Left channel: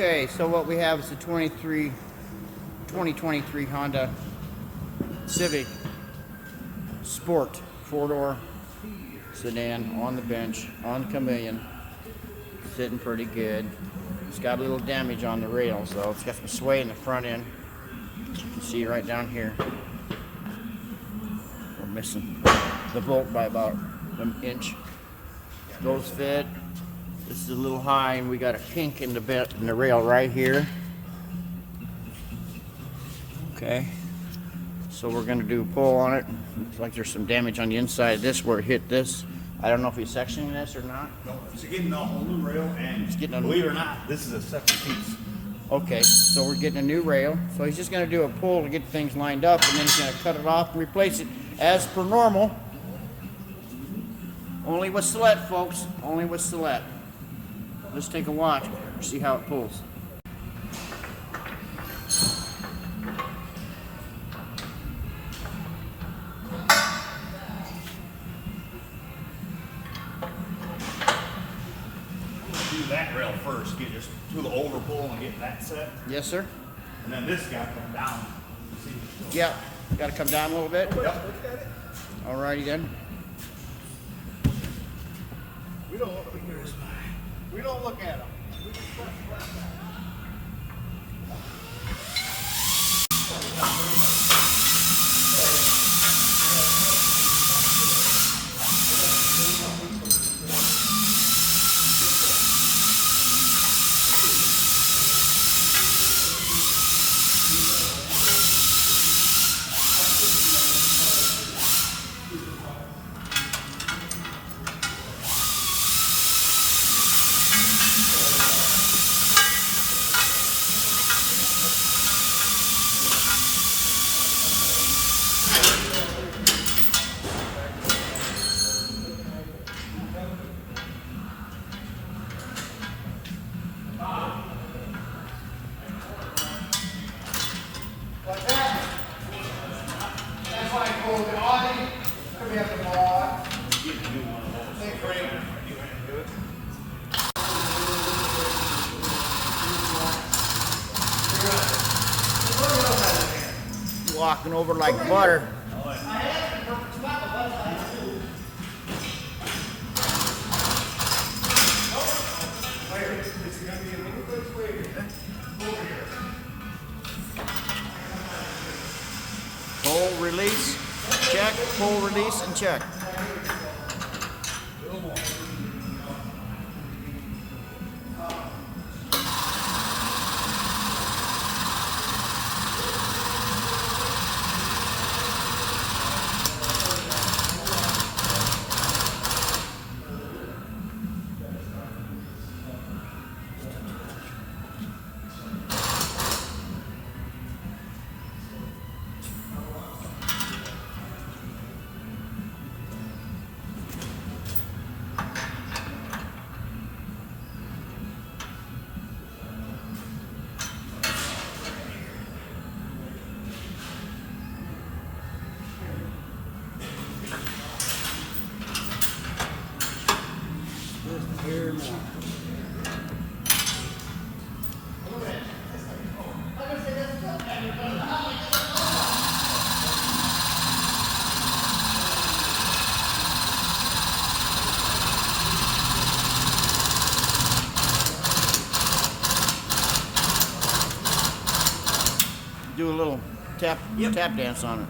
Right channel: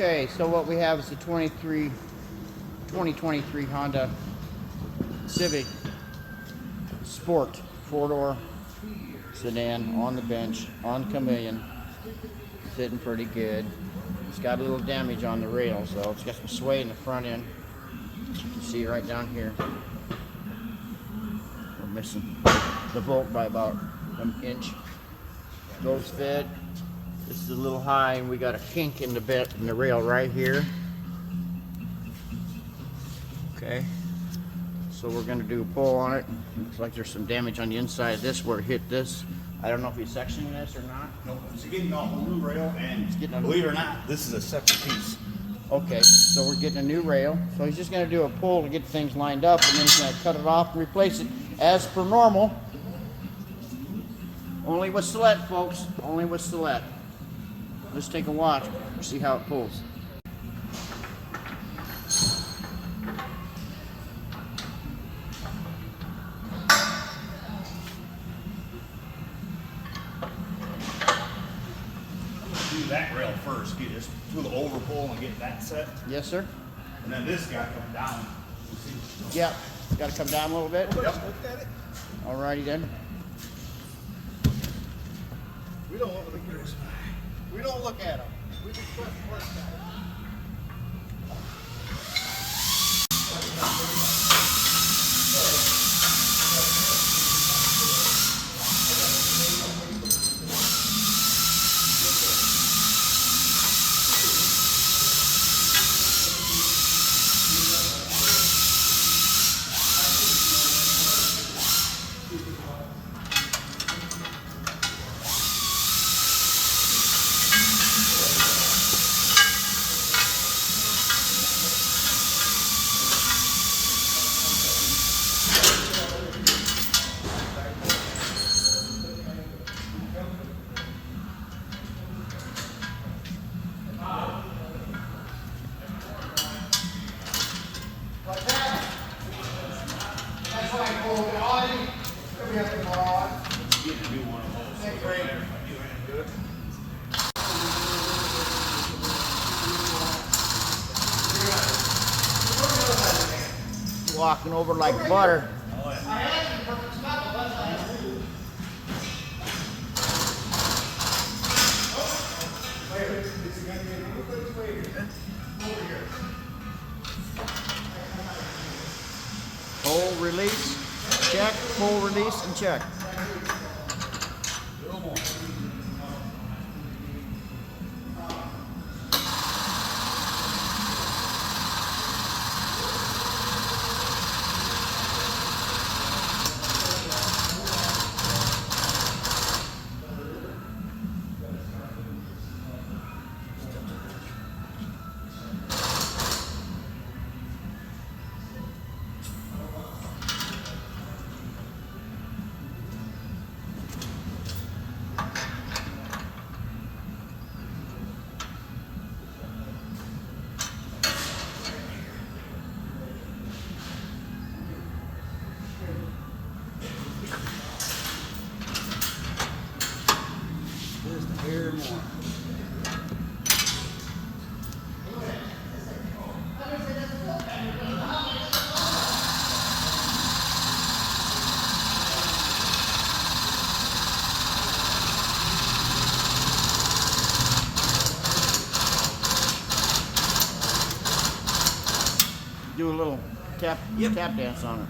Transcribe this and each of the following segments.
Okay, so what we have is a 2023 Honda Civic Sport 4-door sedan on the bench on Cameleon, sitting pretty good. It's got a little damage on the rails though. It's got some sway in the front end. You can see right down here. We're missing the bolt by about an inch. Those fit. This is a little high, and we got a kink in the bit in the rail right here. Okay, so we're gonna do a pull on it. Looks like there's some damage on the inside of this where it hit this. I don't know if he's sectioning this or not. No, it's getting a whole new rail, and it's getting believe it or not, this is a separate piece. Okay, so we're getting a new rail. So he's just gonna do a pull to get things lined up, and then he's gonna cut it off and replace it as per normal. Only with Celette, folks. Only with Celette. Let's take a watch, see how it pulls. Do that rail first, get just to the overpull and get that set. Yes, sir. And then this got to come down. Yep. Got to come down a little bit. Yep. Alrighty then. We don't look at yours. We don't look at them. We just press work guys. Walking over like butter. Oh, yeah. Pull, release, check, pull, release, and check. Just a hair more. Do a little tap dance on it.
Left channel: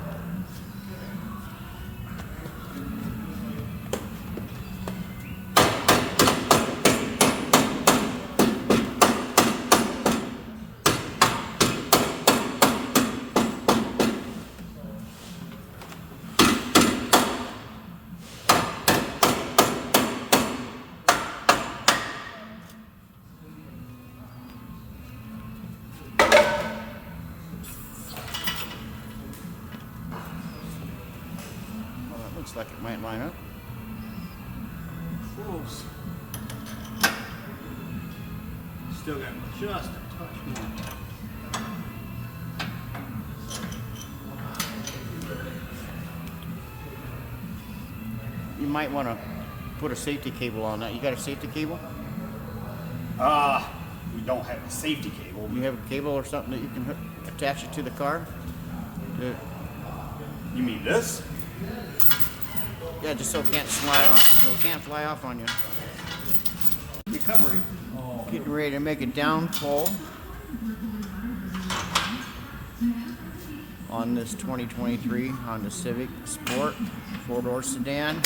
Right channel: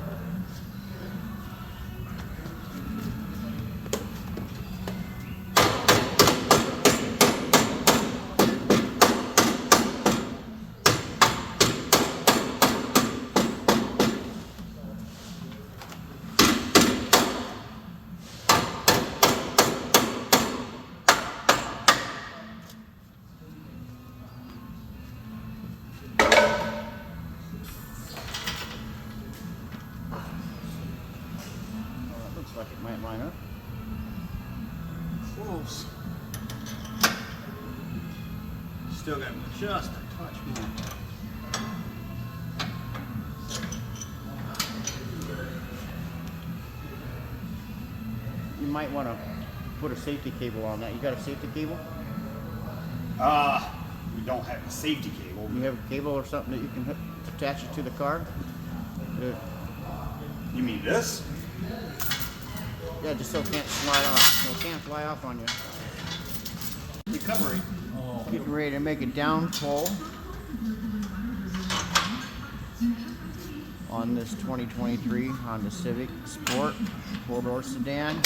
Looks like it might line up. Close. Still got just a touch more. You might want to put a safety cable on that. You got a safety cable? We don't have a safety cable. You have a cable or something that you can attach it to the car? You mean this? Yeah, just so it can't fly off. So it can't fly off on you. Recovery. Getting ready to make a down pull on this 2023 Honda Civic Sport 4-door sedan,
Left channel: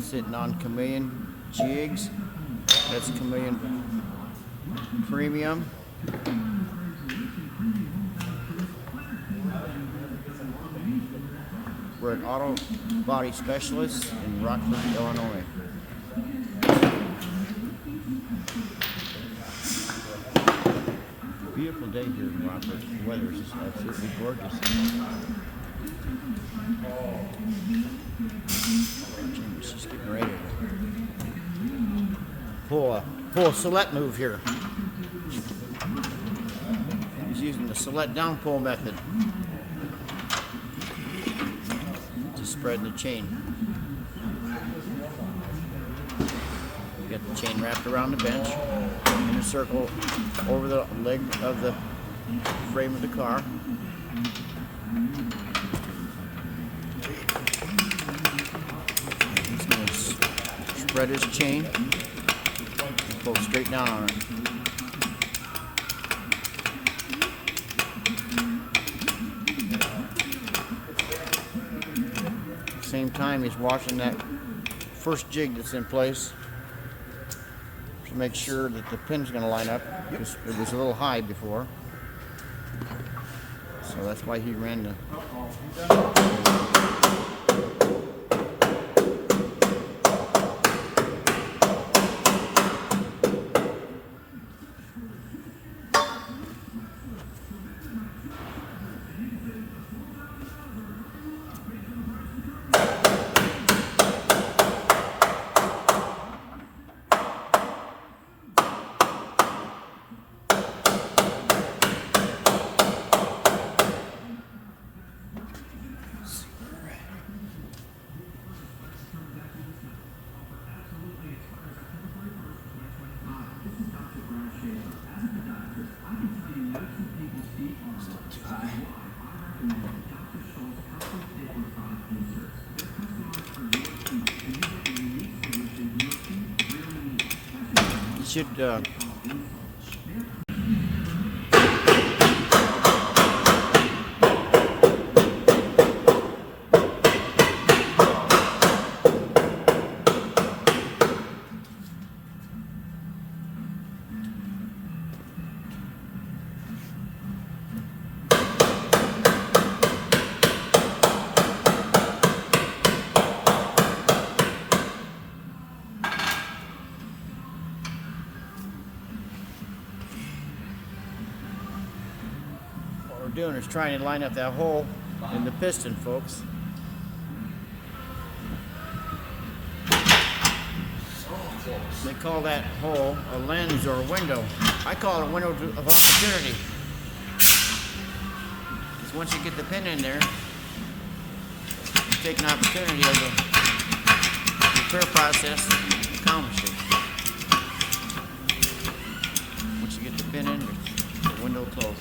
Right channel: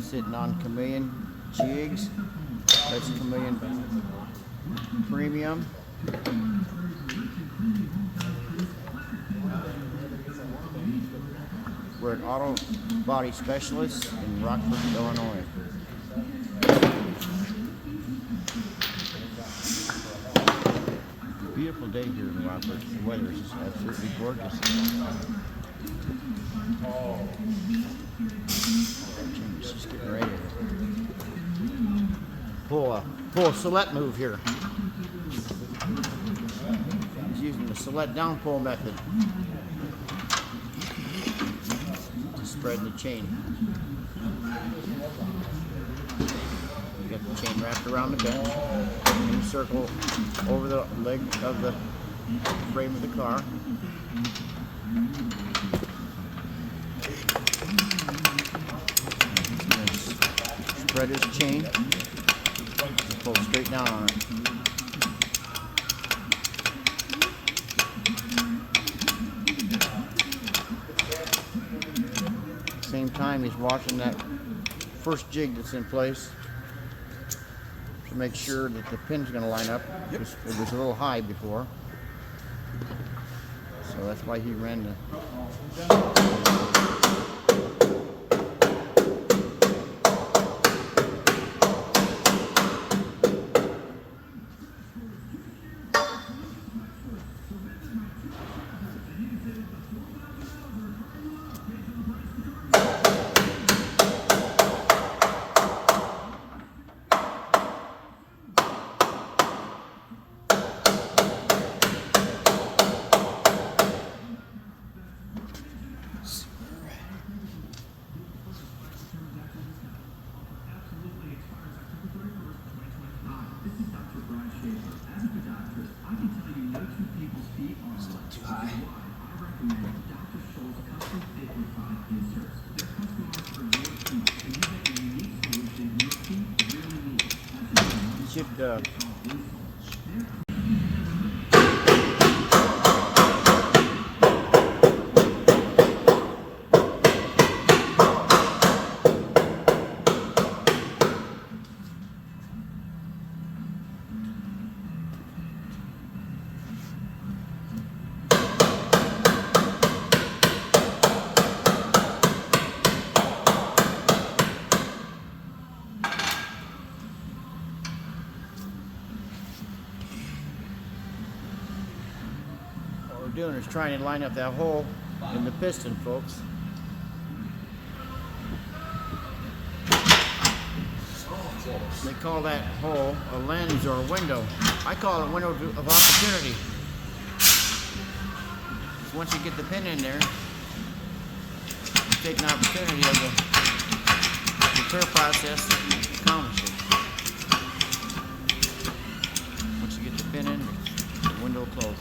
sitting on Cameleon jigs. That's Cameleon Premium. We're an auto body specialist in Rockford, Illinois. Beautiful day here in Rockford. The weather is absolutely gorgeous. Jimmy's just getting ready to pull a Celette move here. He's using the Celette down pull method to spread the chain. You got the chain wrapped around the bench in a circle over the leg of the frame of the car. And he's going to spread his chain and pull straight down on it. At the same time, he's washing that first jig that's in place to make sure that the pin's going to line up, because it was a little high before. So that's why he ran the... Too high. You should... what we're doing is trying to line up that hole in the piston, folks. They call that hole a lens or a window. I call it a window of opportunity. Because once you get the pin in there, you take an opportunity of the repair process to accomplish it. Once you get the pin in, the window closed.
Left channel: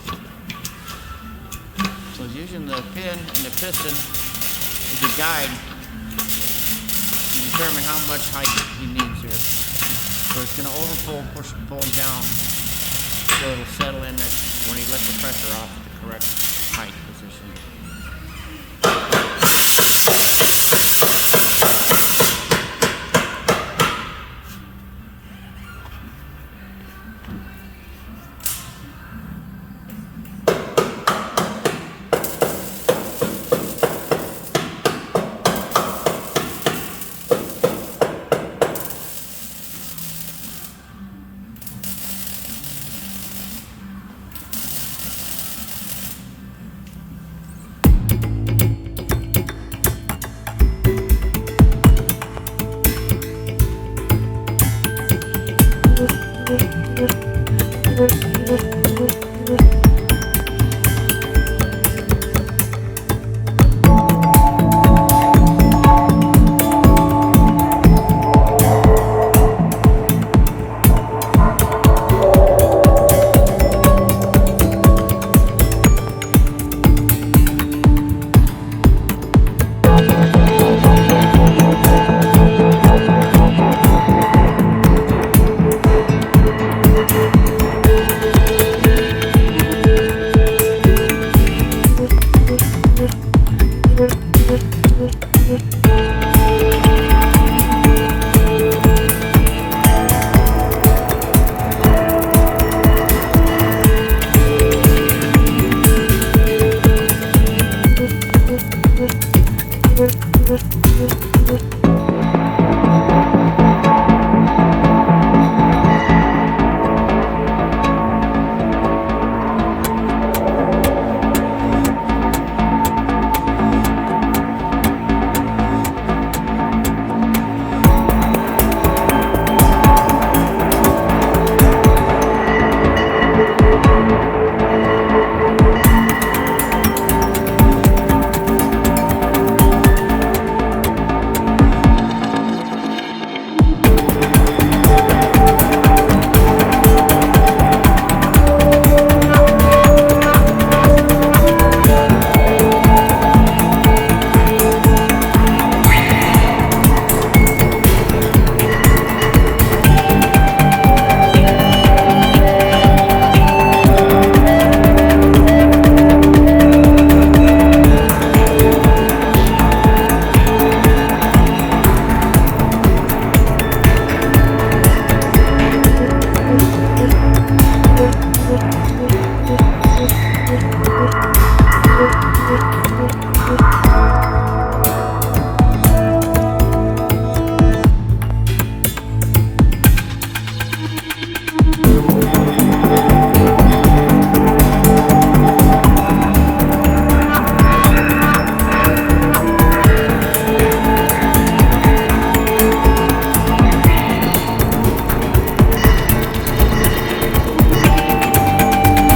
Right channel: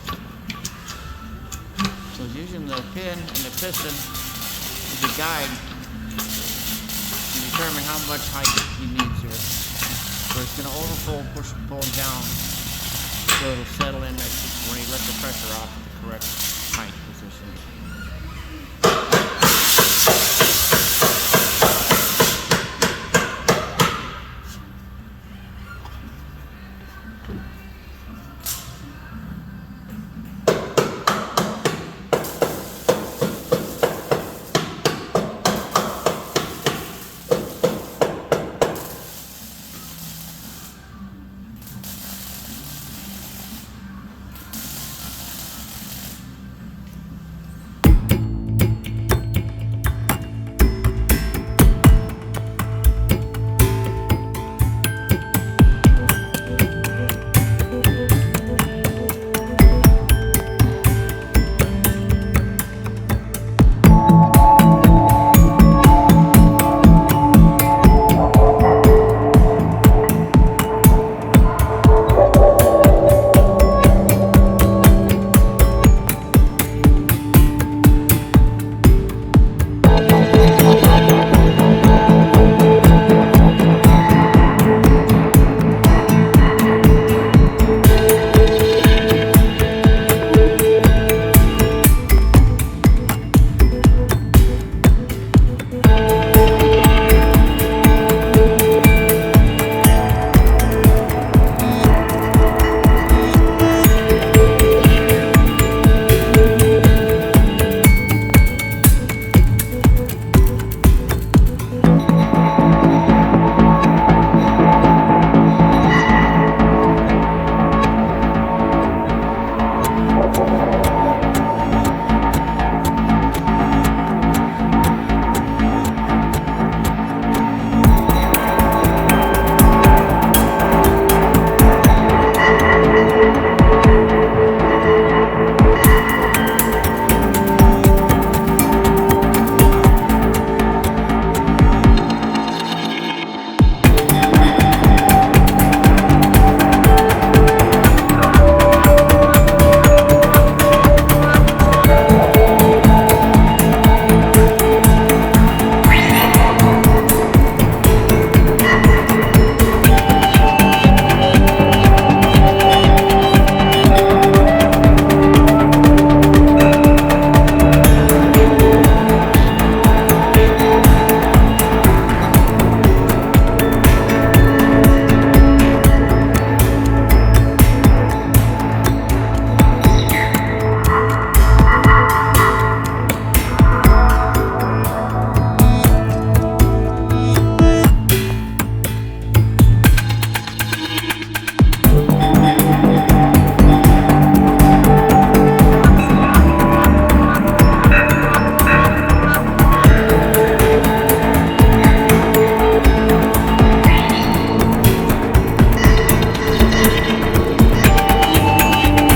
So he's using the pin and the piston as a guide to determine how much height he needs here. So it's going to overpull, push, pull down, so it'll settle in when he lets the pressure off at the correct height position. it.